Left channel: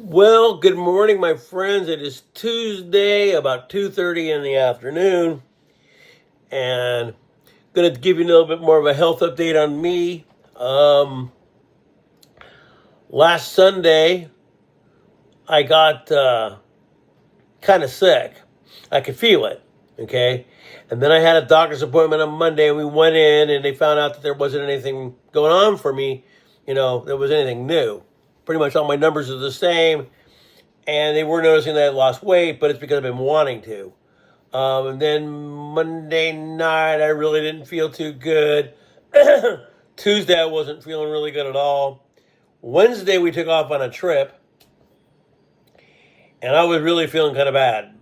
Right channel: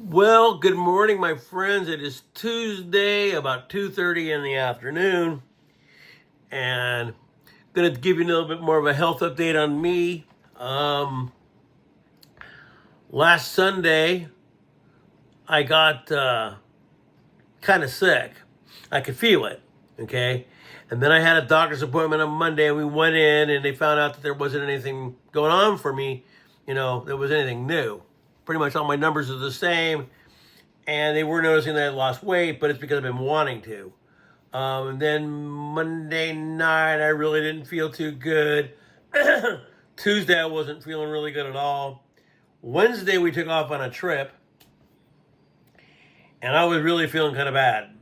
Well, good morning, my friends. It is Tuesday, about 2:30 in the afternoon, and I'm going to give you a little bit more of a health update on me. Um, Last Sunday, I got kind of sick. I could feel it, okay? And then I had a doctor's appointment on Monday, and we went in, and they found out that there wasn't anything going on for me, there was anything new. Pretty much all my numbers are the same, and they were noticing that I lost weight, but it's because I've been wanting to. And then Monday night, I really didn't feel too good. Tuesday, I wasn't feeling really good at all. Wednesday, we took off on a trip, and I was really feeling kind of bad.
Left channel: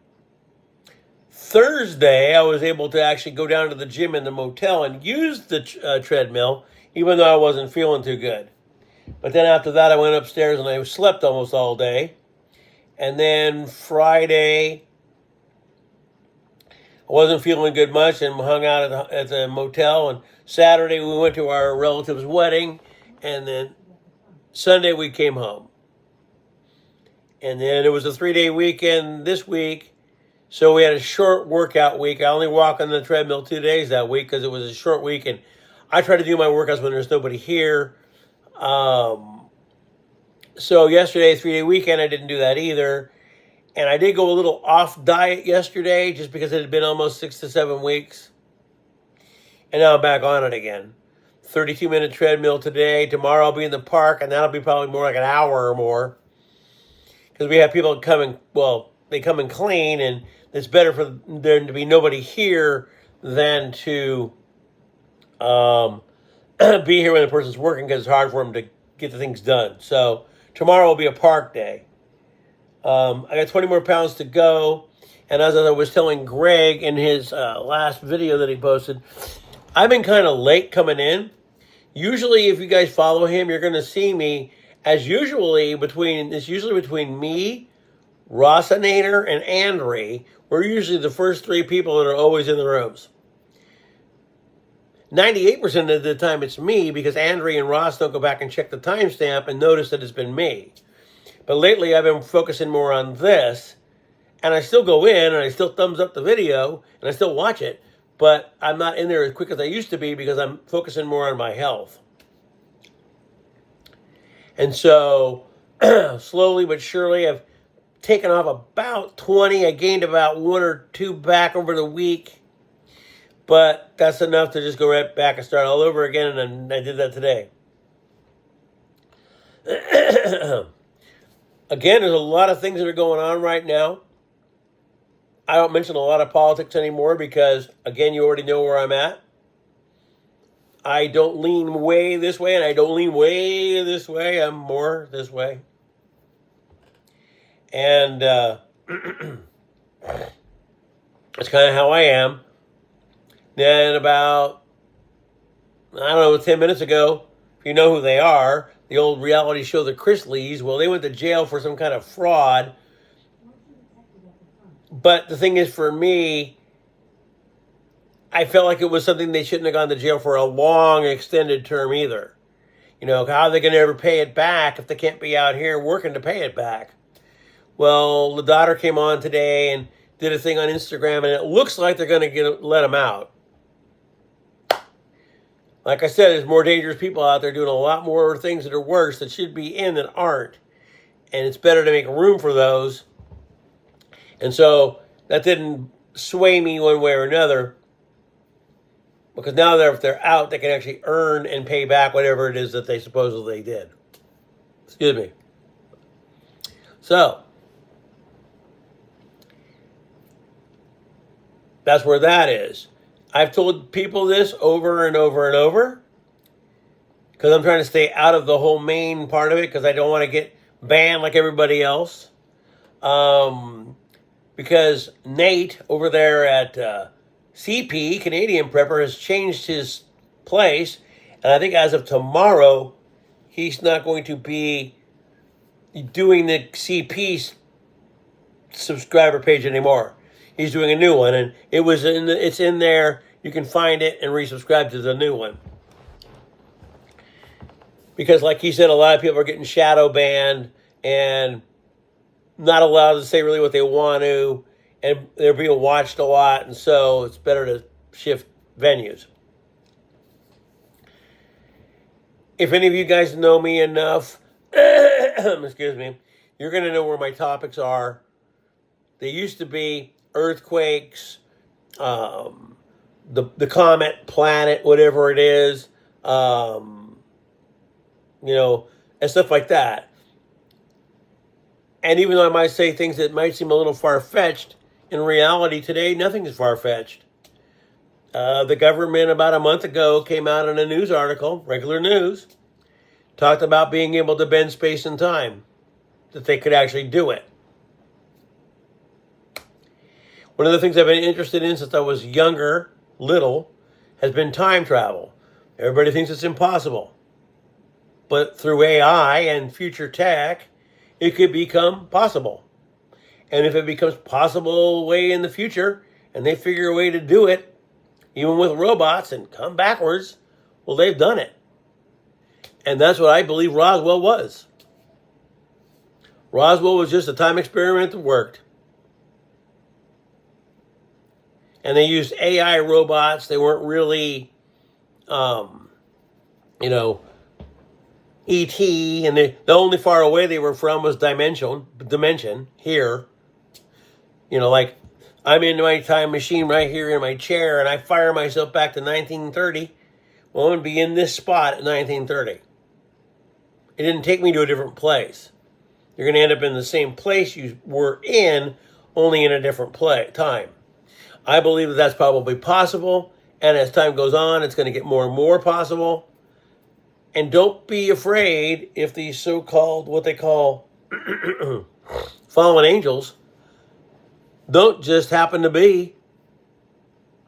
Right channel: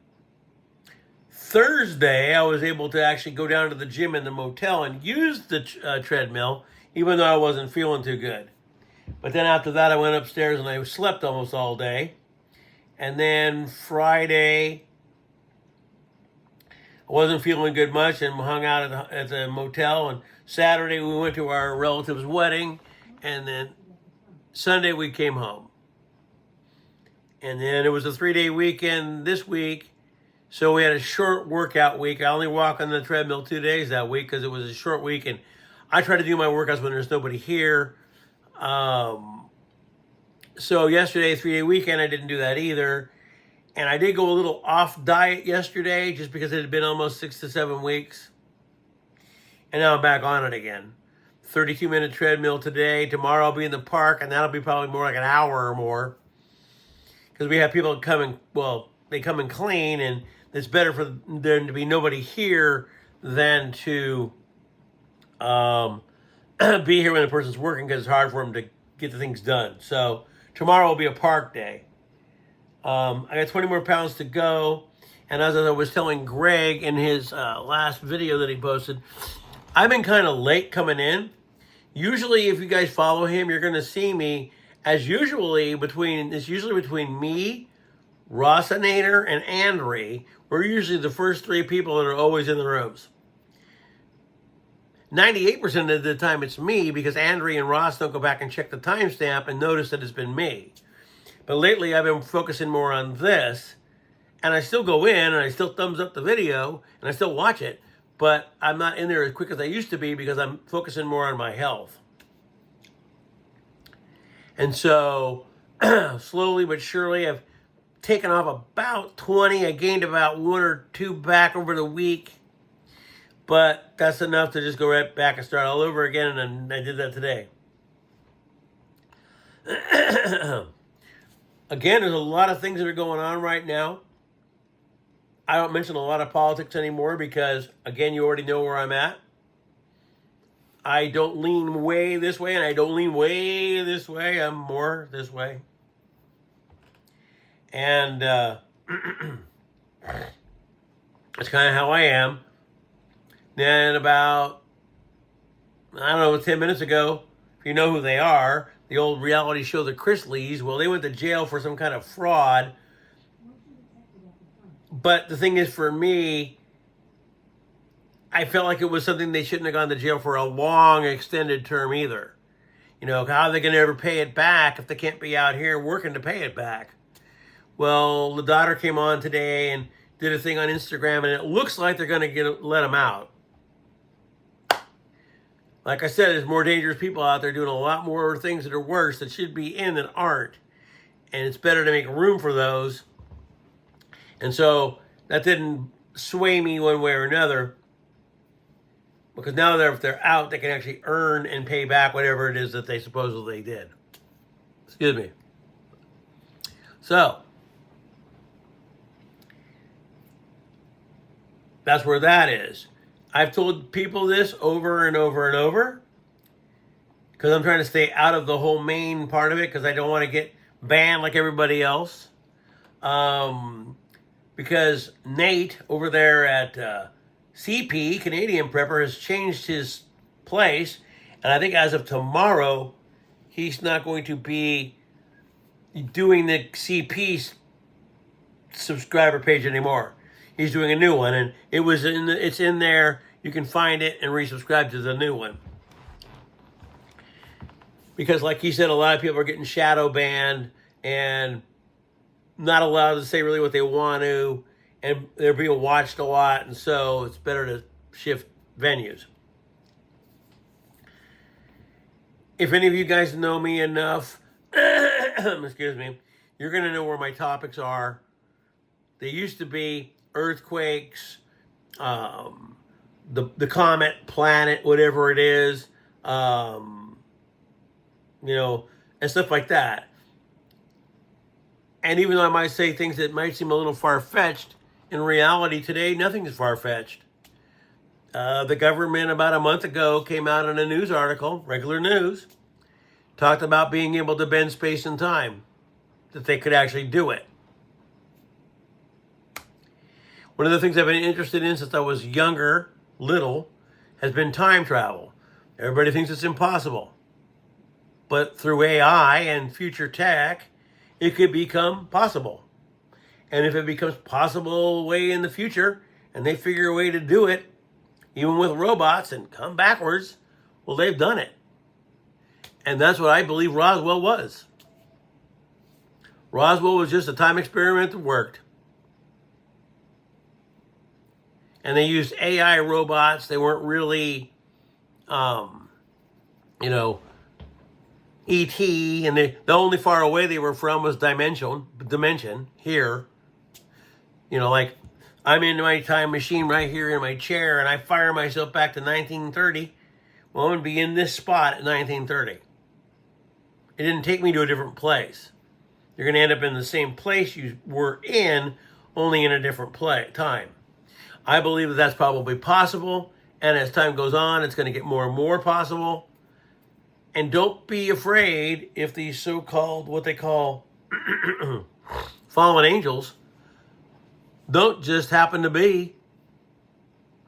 Thursday, I was able to actually go down to the gym in the motel and use the treadmill, even though I wasn't feeling too good. But then after that, I went upstairs and I slept almost all day. And then Friday, I wasn't feeling good much and hung out at the motel. And Saturday, we went to our relative's wedding. And then Sunday, we came home. And then it was a 3-day weekend this week. So we had a short workout week. I only walked on the treadmill 2 days that week because it was a short week. And I try to do my workouts when there's nobody here. So yesterday, 3-day weekend, I didn't do that either. And I did go a little off diet yesterday just because it had been almost 6 to 7 weeks. And now I'm back on it again. 32-minute treadmill today. Tomorrow I'll be in the park, and that'll be probably more like an hour or more. Because we have people come and, they come and clean, and it's better for there to be nobody here than to be here when the person's working because it's hard for them to get the things done. So tomorrow will be a park day. I got 20 more pounds to go. And as I was telling Greg in his last video that he posted, I've been kind of late coming in. Usually, if you guys follow him, you're going to see me as usually between me, Rossinator, and Andre. We're usually the first 3 people that are always in the rooms. 98% of the time it's me because Andre and Ross don't go back and check the timestamp and notice that it's been me. But lately I've been focusing more on this, and I still go in and I still thumbs up the video and I still watch it, but I'm not in there as quick as I used to be because I'm focusing more on my health. And so slowly but surely I've taken off about 20. I gained about 1 or 2 back over the week. But that's enough to just go right back and start all over again, and I did that today. Again, there's a lot of things that are going on right now. I don't mention a lot of politics anymore because, again, you already know where I'm at. I don't lean way this way, and I don't lean way this way. I'm more this way. And that's kind of how I am. Then about, 10 minutes ago, if you know who they are, the old reality show, The Chrisleys, well, they went to jail for some kind of fraud. But the thing is, for me, I felt like it was something they shouldn't have gone to jail for a long, extended term either. How are they going to ever pay it back if they can't be out here working to pay it back? Well, the daughter came on today and did a thing on Instagram, and it looks like they're going to let them out. Like I said, there's more dangerous people out there doing a lot more things that are worse that should be in that aren't. And it's better to make room for those. And so that didn't sway me one way or another. Because now if they're out, they can actually earn and pay back whatever it is that they supposedly did. Excuse me. So that's where that is. I've told people this over and over and over because I'm trying to stay out of the whole main part of it because I don't want to get banned like everybody else. Because Nate over there at CP, Canadian Prepper, has changed his place. And I think as of tomorrow, he's not going to be doing the CP subscriber page anymore. He's doing a new one, and it's in there. You can find it and resubscribe to the new one. Because like he said, a lot of people are getting shadow banned, and not allowed to say really what they want to, and they're being watched a lot, and so it's better to shift venues. If any of you guys know me enough, excuse me, you're going to know where my topics are. They used to be earthquakes, the comet, planet, whatever it is, and stuff like that. And even though I might say things that might seem a little far-fetched, in reality today, nothing is far-fetched. The government about a month ago came out in a news article, regular news, talked about being able to bend space and time, that they could actually do it. One of the things I've been interested in since I was little, has been time travel. Everybody thinks it's impossible. But through AI and future tech, it could become possible. And if it becomes possible way in the future, and they figure a way to do it, even with robots, and come backwards, well, they've done it. And that's what I believe Roswell was. Roswell was just a time experiment that worked. And they used AI robots. They weren't really, E.T., and the only far away they were from was Dimension, here. Like, I'm in my time machine right here in my chair, and I fire myself back to 1930. Well, I'm going to be in this spot at 1930. It didn't take me to a different place. You're going to end up in the same place you were in, only in a different time. I believe that that's probably possible, and as time goes on, it's going to get more and more possible. And don't be afraid if these so-called, what they call fallen angels, don't just happen to be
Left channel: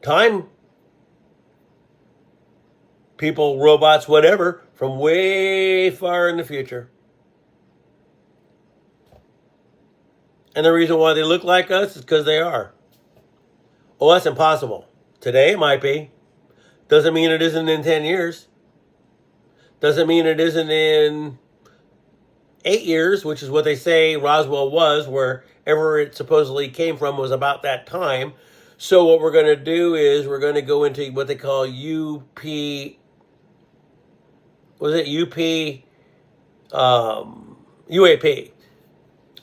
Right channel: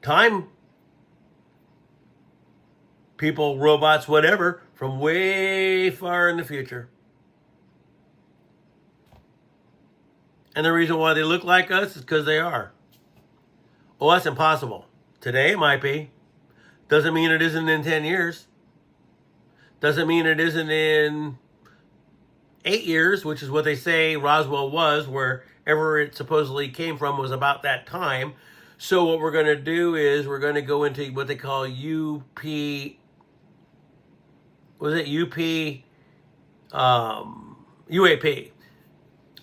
time people, robots, whatever, from way far in the future. And the reason why they look like us is because they are. Oh, that's impossible. Today it might be. Doesn't mean it isn't in 10 years. Doesn't mean it isn't in 8 years, which is what they say Roswell was, wherever it supposedly came from was about that time. So what we're going to do is we're going to go into what they call UAP,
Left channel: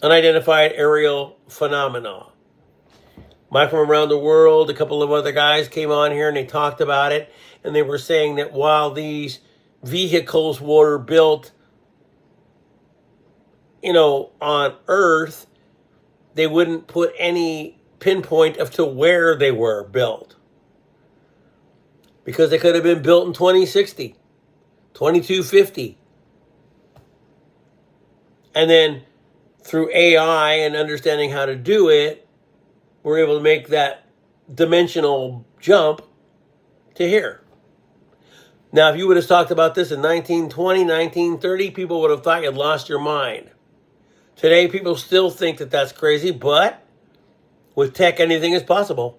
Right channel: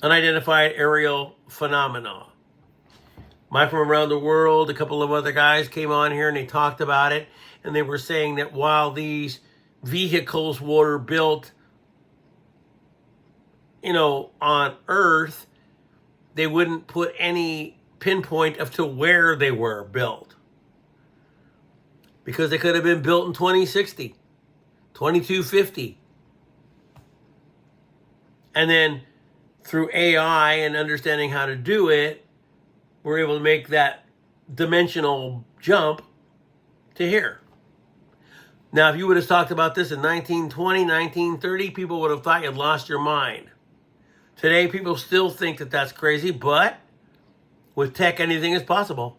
unidentified aerial phenomena. Mike from around the world, a couple of other guys came on here and they talked about it, and they were saying that while these vehicles were built, on Earth, they wouldn't put any pinpoint of to where they were built. Because they could have been built in 2060, 2250. And then through AI and understanding how to do it, we're able to make that dimensional jump to here. Now, if you would have talked about this in 1920, 1930, people would have thought you'd lost your mind. Today, people still think that that's crazy, but with tech, anything is possible.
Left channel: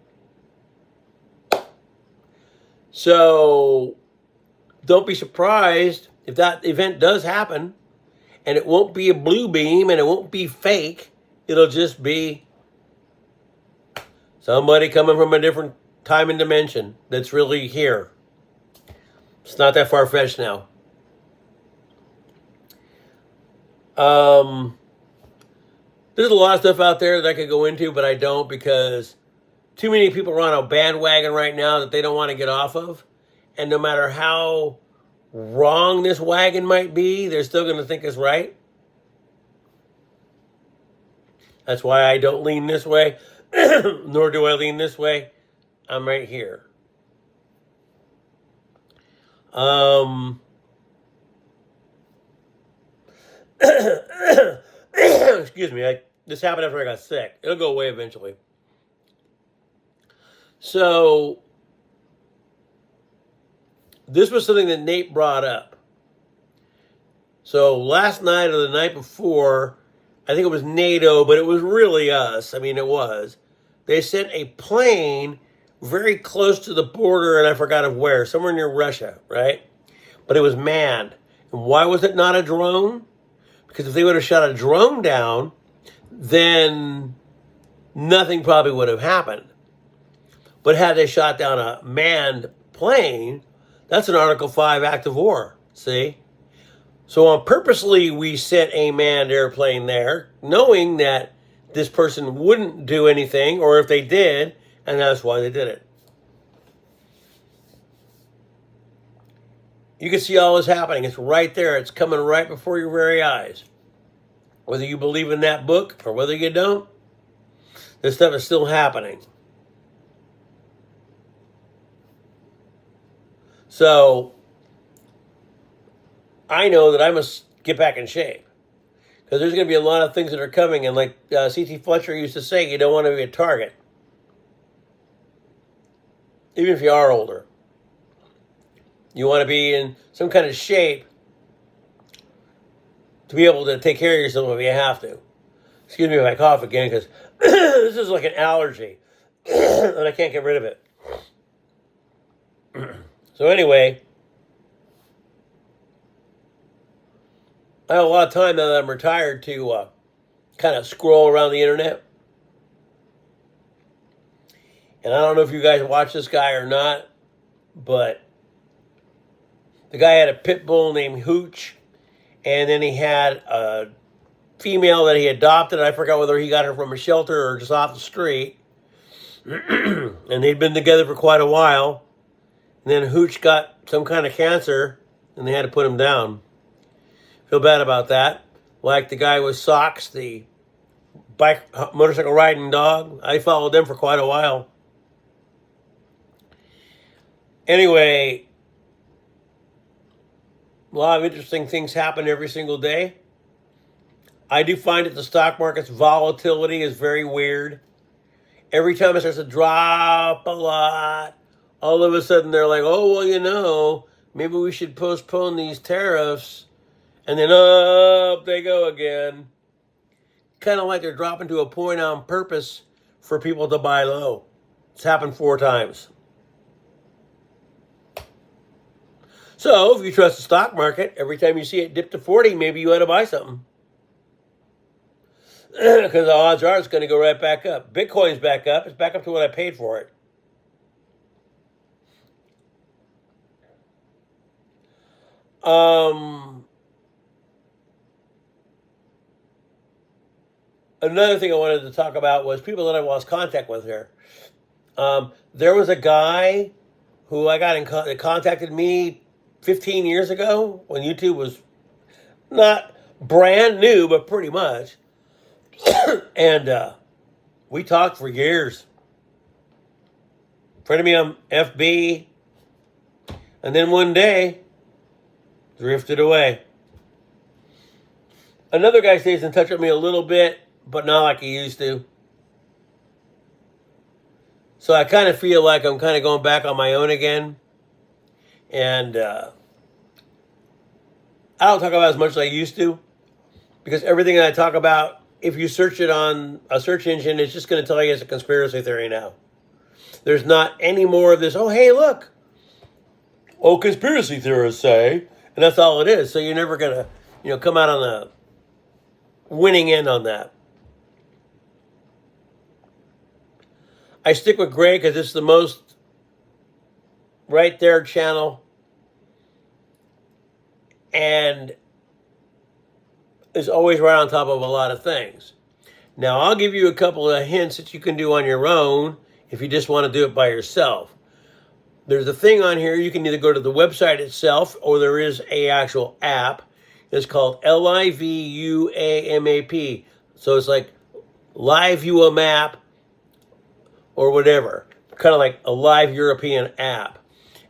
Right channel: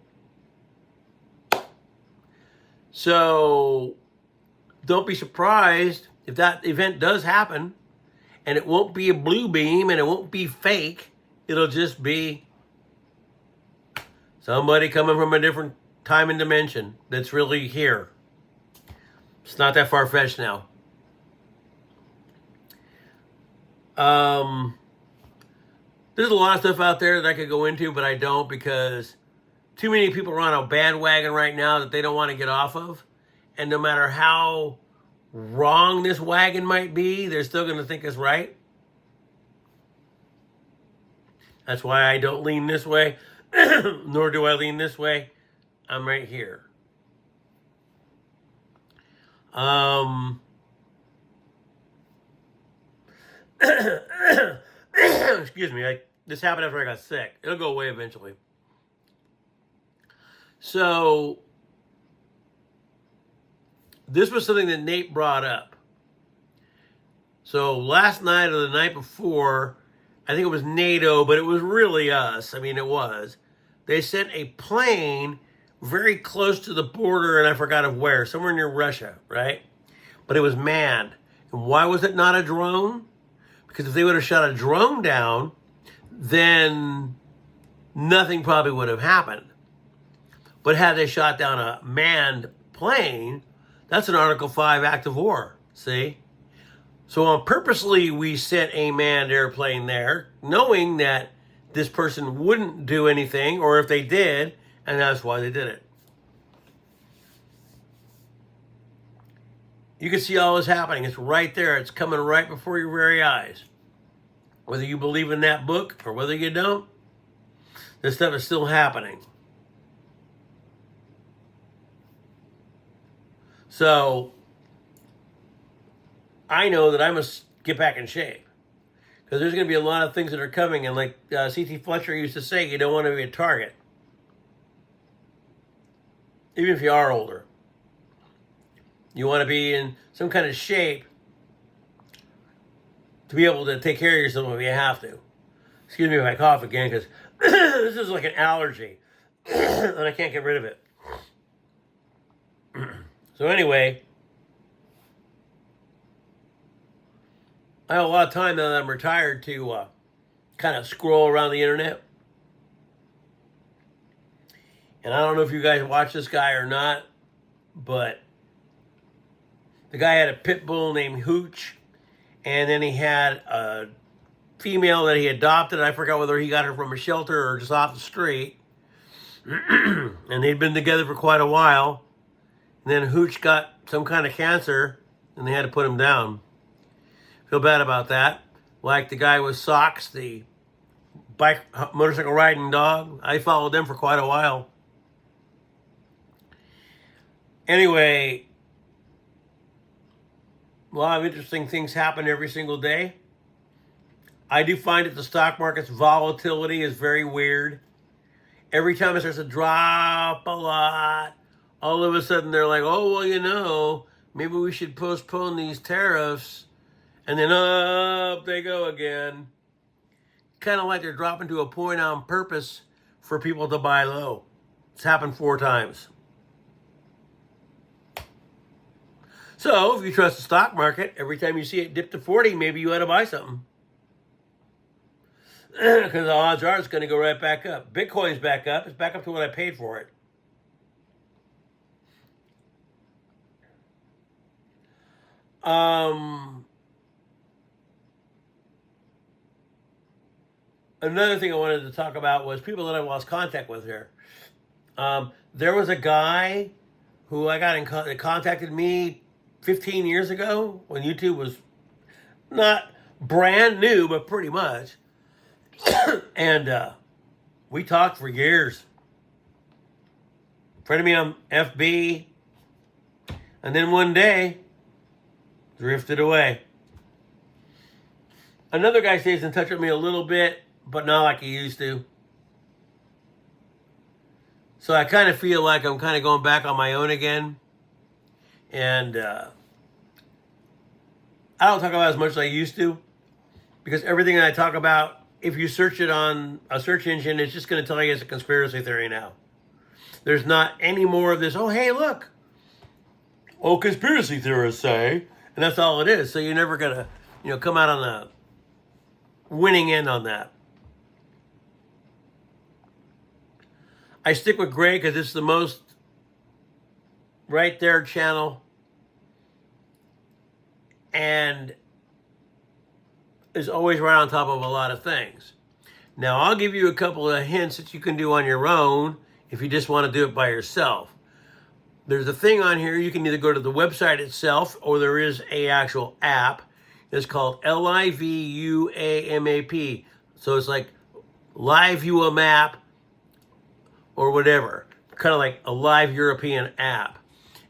So don't be surprised if that event does happen, and it won't be a blue beam, and it won't be fake. It'll just be somebody coming from a different time and dimension that's really here. It's not that far-fetched now. There's a lot of stuff out there that I could go into, but I don't, because too many people are on a bandwagon right now that they don't want to get off of. And no matter how wrong this wagon might be, they're still going to think it's right. That's why I don't lean this way, nor do I lean this way. I'm right here. Excuse me, this happened after I got sick. It'll go away eventually. So, this was something that Nate brought up. So, last night or the night before, I think it was NATO, but it was really us. I mean, it was. They sent a plane very close to the border, and I forgot of where, somewhere near Russia, right? But it was manned. And why was it not a drone? Because if they would have shot a drone down, then nothing probably would have happened. But had they shot down a manned plane, that's an Article 5 act of war, see? So purposely we sent a manned airplane there, knowing that this person wouldn't do anything, or if they did, and that's why they did it. You can see all this happening. It's right there. It's coming right before your very eyes. Whether you believe in that book or whether you don't, this stuff is still happening. So I know that I must get back in shape, because there's going to be a lot of things that are coming. And like C.T. Fletcher used to say, you don't want to be a target, even if you are older. You want to be in some kind of shape to be able to take care of yourself if you have to. Excuse me if I cough again, because this is like an allergy, and I can't get rid of it. So anyway, I have a lot of time now that I'm retired to kind of scroll around the internet. And I don't know if you guys watch this guy or not, but the guy had a pit bull named Hooch, and then he had a female that he adopted. I forgot whether he got her from a shelter or just off the street. And they'd been together for quite a while. And then Hooch got some kind of cancer, and they had to put him down. Feel bad about that. Like the guy with Socks, the motorcycle riding dog. I followed them for quite a while. Anyway, a lot of interesting things happen every single day. I do find that the stock market's volatility is very weird. Every time it starts to drop a lot, all of a sudden they're like, oh, well, you know, maybe we should postpone these tariffs. And then up they go again. Kind of like they're dropping to a point on purpose for people to buy low. It's happened 4 times. So if you trust the stock market, every time you see it dip to 40, maybe you ought to buy something. Because the odds are it's going to go right back up. Bitcoin's back up. It's back up to what I paid for it. Another thing I wanted to talk about was people that I lost contact with here. There was a guy who I got in that contacted me 15 years ago when YouTube was not brand new, but pretty much. And we talked for years. Friend of me on FB. And then one day, drifted away. Another guy stays in touch with me a little bit, but not like he used to. So I kind of feel like I'm kind of going back on my own again. And I don't talk about as much as I used to, because everything that I talk about, if you search it on a search engine, it's just going to tell you it's a conspiracy theory now. There's not any more of this, oh, hey, look. Oh, conspiracy theorists say. And that's all it is. So you're never going to, come out on the winning end on that. I stick with Greg because it's the most right there channel. And is always right on top of a lot of things. Now, I'll give you a couple of hints that you can do on your own if you just want to do it by yourself. There's a thing on here, you can either go to the website itself or there is a actual app. It's called LIVUAMAP. So it's like Live View a Map or whatever. Kind of like a live European app.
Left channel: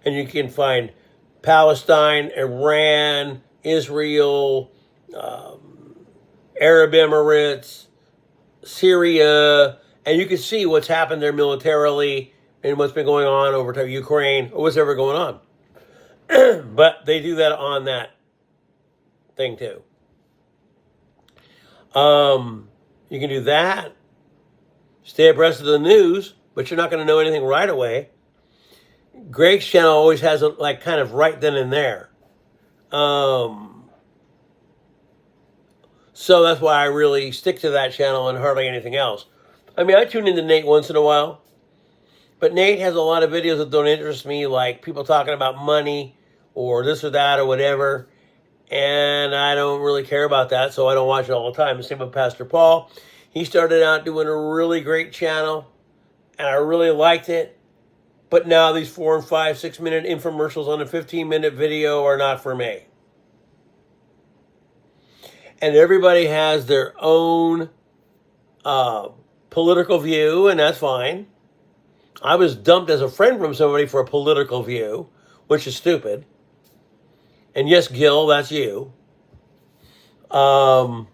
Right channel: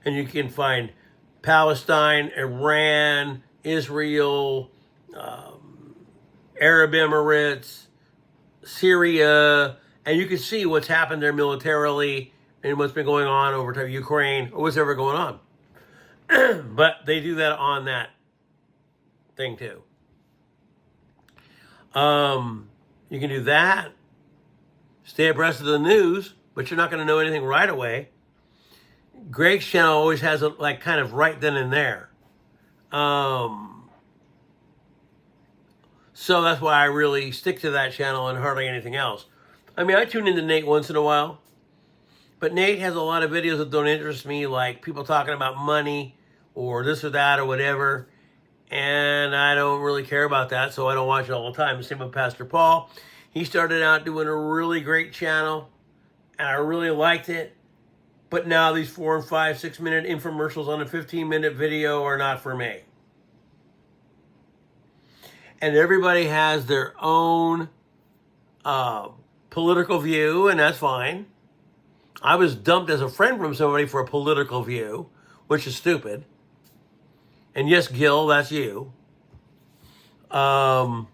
And you can find Palestine, Iran, Israel, Arab Emirates, Syria, and you can see what's happened there militarily and what's been going on over to Ukraine or what's ever going on. But they do that on that thing too. You can do that. Stay abreast of the news, but you're not going to know anything right away. Greg's channel always has it like kind of right then and there. So that's why I really stick to that channel and hardly anything else. I mean, I tune into Nate once in a while, but Nate has a lot of videos that don't interest me, like people talking about money or this or that or whatever, and I don't really care about that, so I don't watch it all the time. Same with Pastor Paul. He started out doing a really great channel, and I really liked it, but now these 4 and 5, 6 minute infomercials on a 15-minute video are not for me. And everybody has their own political view, and that's fine. I was dumped as a friend from somebody for a political view, which is stupid. And yes, Gil, that's you. But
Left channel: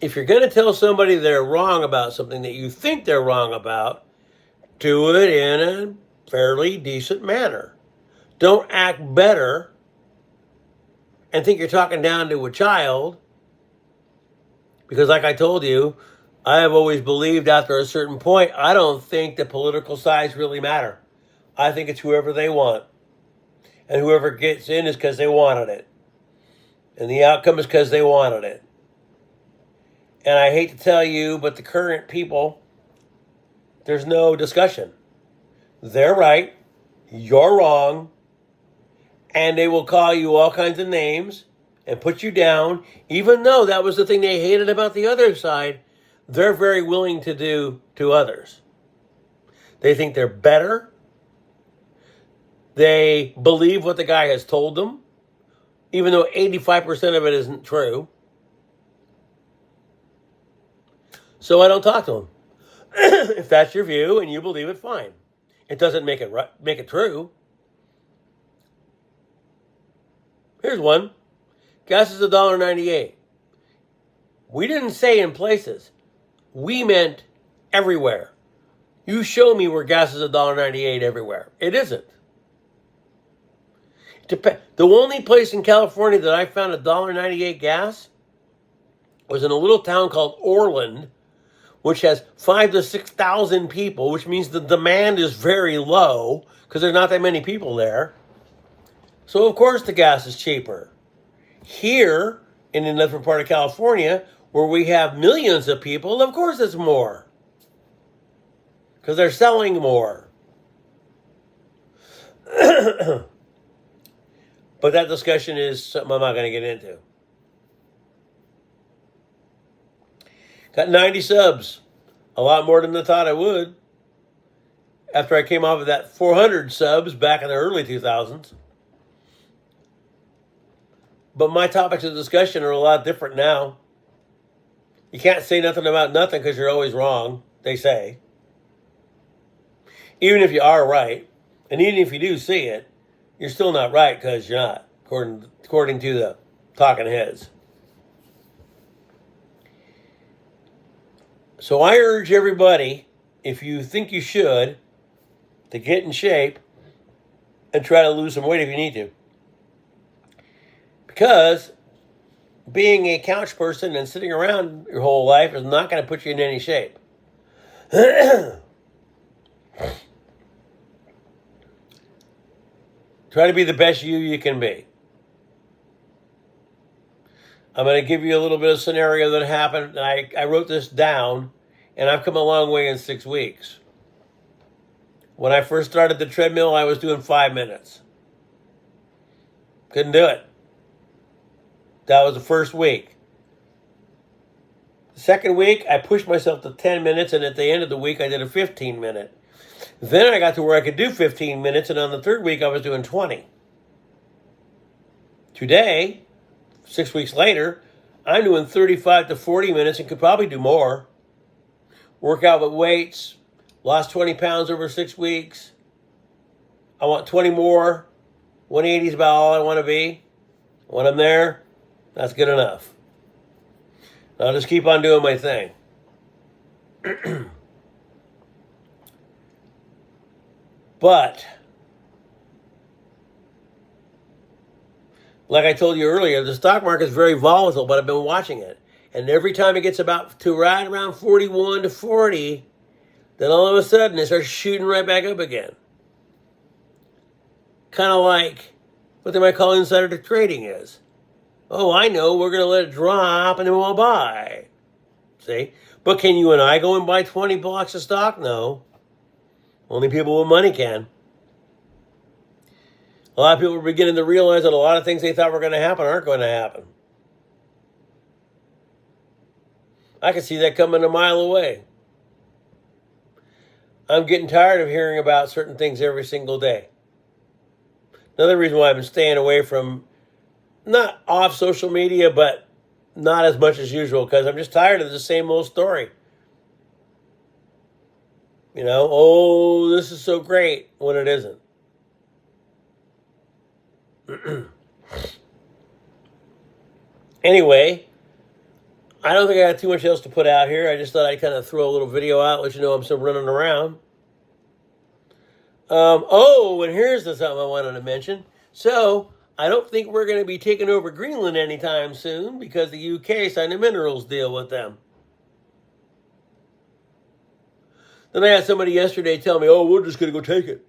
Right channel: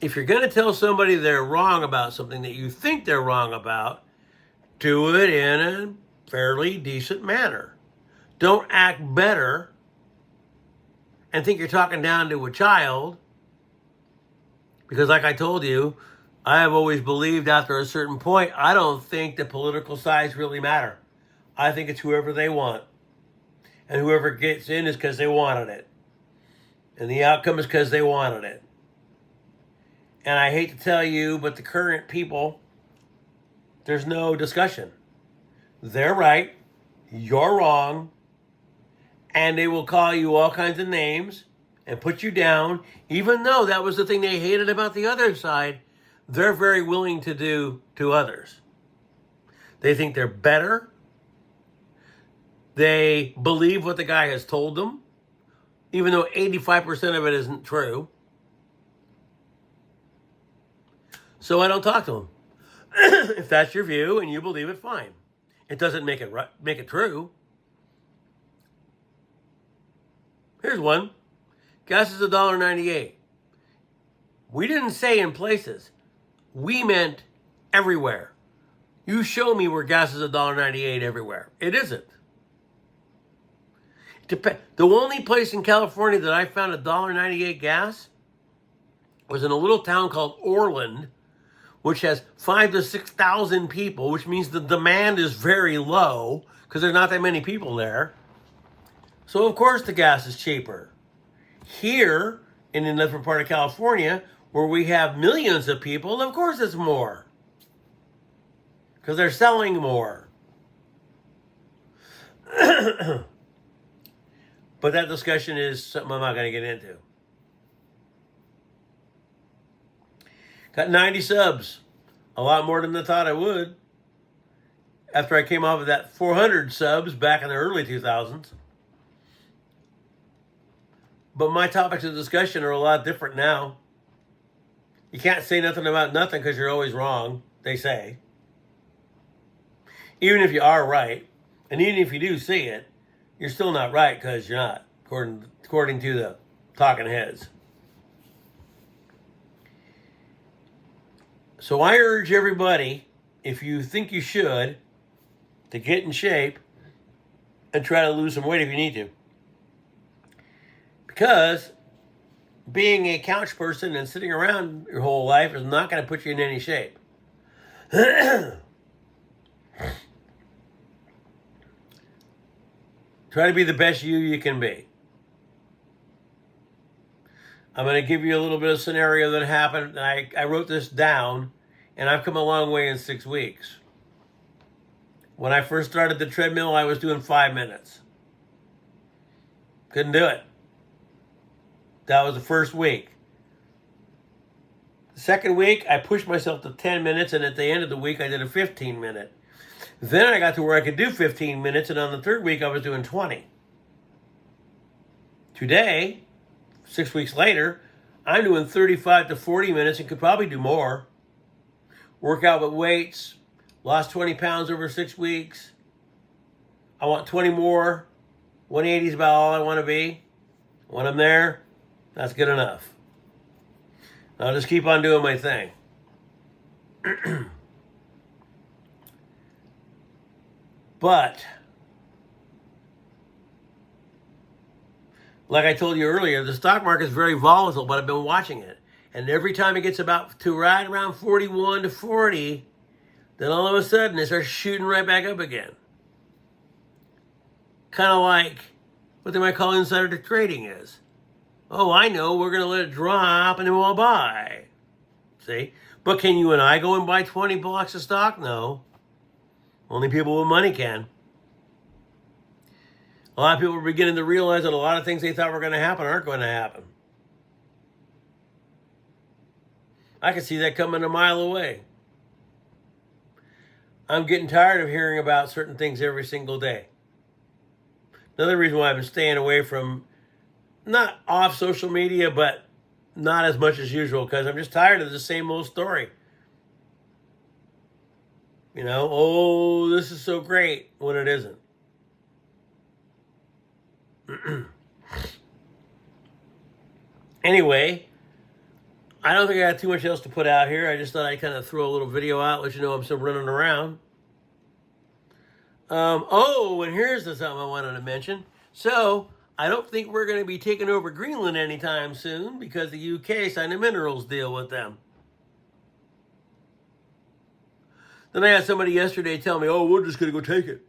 if you're going to tell somebody they're wrong about something that you think they're wrong about, do it in a fairly decent manner. Don't act better and think you're talking down to a child. Because like I told you, I have always believed after a certain point, I don't think the political sides really matter. I think it's whoever they want. And whoever gets in is because they wanted it. And the outcome is because they wanted it. And I hate to tell you, but the current people, there's no discussion. They're right, you're wrong, and they will call you all kinds of names and put you down, even though that was the thing they hated about the other side. They're very willing to do to others. They think they're better. They believe what the guy has told them, even though 85% of it isn't true. So I don't talk to them. If that's your view and you believe it, fine. It doesn't make it true. Here's one. Gas is $1.98. We didn't say in places. We meant everywhere. You show me where gas is $1.98 everywhere. It isn't. The only place in California that I found $1.98 gas was in a little town called Orland, which has 5,000 to 6,000 people, which means the demand is very low because there's not that many people there. So of course the gas is cheaper. Here in another part of California, where we have millions of people, of course it's more. Because they're selling more. But that discussion is something I'm not going to get into. Got 90 subs. A lot more than I thought I would. After I came off of that 400 subs back in the early 2000s. But my topics of discussion are a lot different now. You can't say nothing about nothing because you're always wrong, they say. Even if you are right, and even if you do see it, you're still not right because you're not, according to the talking heads. So I urge everybody, if you think you should, to get in shape and try to lose some weight if you need to. Because being a couch person and sitting around your whole life is not going to put you in any shape. Try to be the best you can be. I'm going to give you a little bit of scenario that happened. I wrote this down, and I've come a long way in 6 weeks. When I first started the treadmill, I was doing 5 minutes. Couldn't do it. That was the first week. The second week, I pushed myself to 10 minutes, and at the end of the week, I did a 15-minute. Then I got to where I could do 15 minutes, and on the third week, I was doing 20. Today, 6 weeks later, I'm doing 35 to 40 minutes and could probably do more. Work out with weights, lost 20 pounds over 6 weeks. I want 20 more. 180 is about all I want to be. When I'm there, that's good enough. I'll just keep on doing my thing. But, like I told you earlier, the stock market is very volatile, but I've been watching it. And every time it gets about to right around 41 to 40, then all of a sudden it starts shooting right back up again. kind of like what they might call insider trading is. Oh, I know, we're going to let it drop and then we'll buy. See? But can you and I go and buy 20 blocks of stock? No. Only people with money can. A lot of people are beginning to realize that a lot of things they thought were going to happen aren't going to happen. I can see that coming a mile away. I'm getting tired of hearing about certain things every single day. Another reason why I've been staying away from, not off social media, but not as much as usual, because I'm just tired of the same old story. You know, oh, this is so great, when it isn't. Anyway, I don't think I got too much else to put out here. I just thought I'd kind of throw a little video out, let you know I'm still running around. And here's something I wanted to mention. So, I don't think we're going to be taking over Greenland anytime soon because the UK signed a minerals deal with them. Then I had somebody yesterday tell me, oh, we're just going to go take it.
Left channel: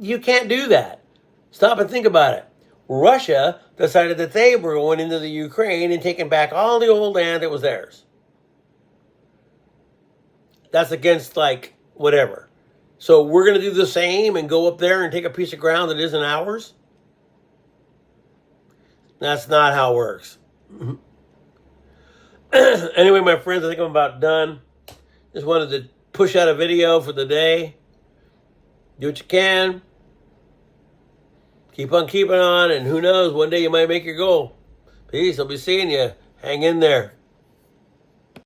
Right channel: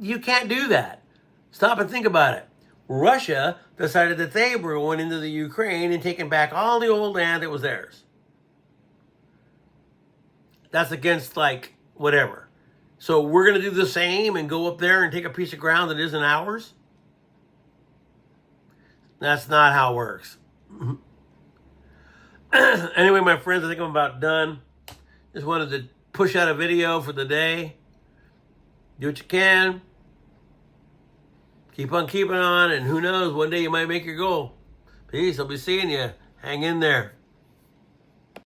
You can't do that. Stop and think about it. Russia decided that they were going into the Ukraine and taking back all the old land that was theirs. That's against, like, whatever. So we're going to do the same and go up there and take a piece of ground that isn't ours? That's not how it works. Anyway, my friends, I think I'm about done. Just wanted to push out a video for the day. Do what you can. Keep on keeping on, and who knows, one day you might make your goal. Peace. I'll be seeing you. Hang in there.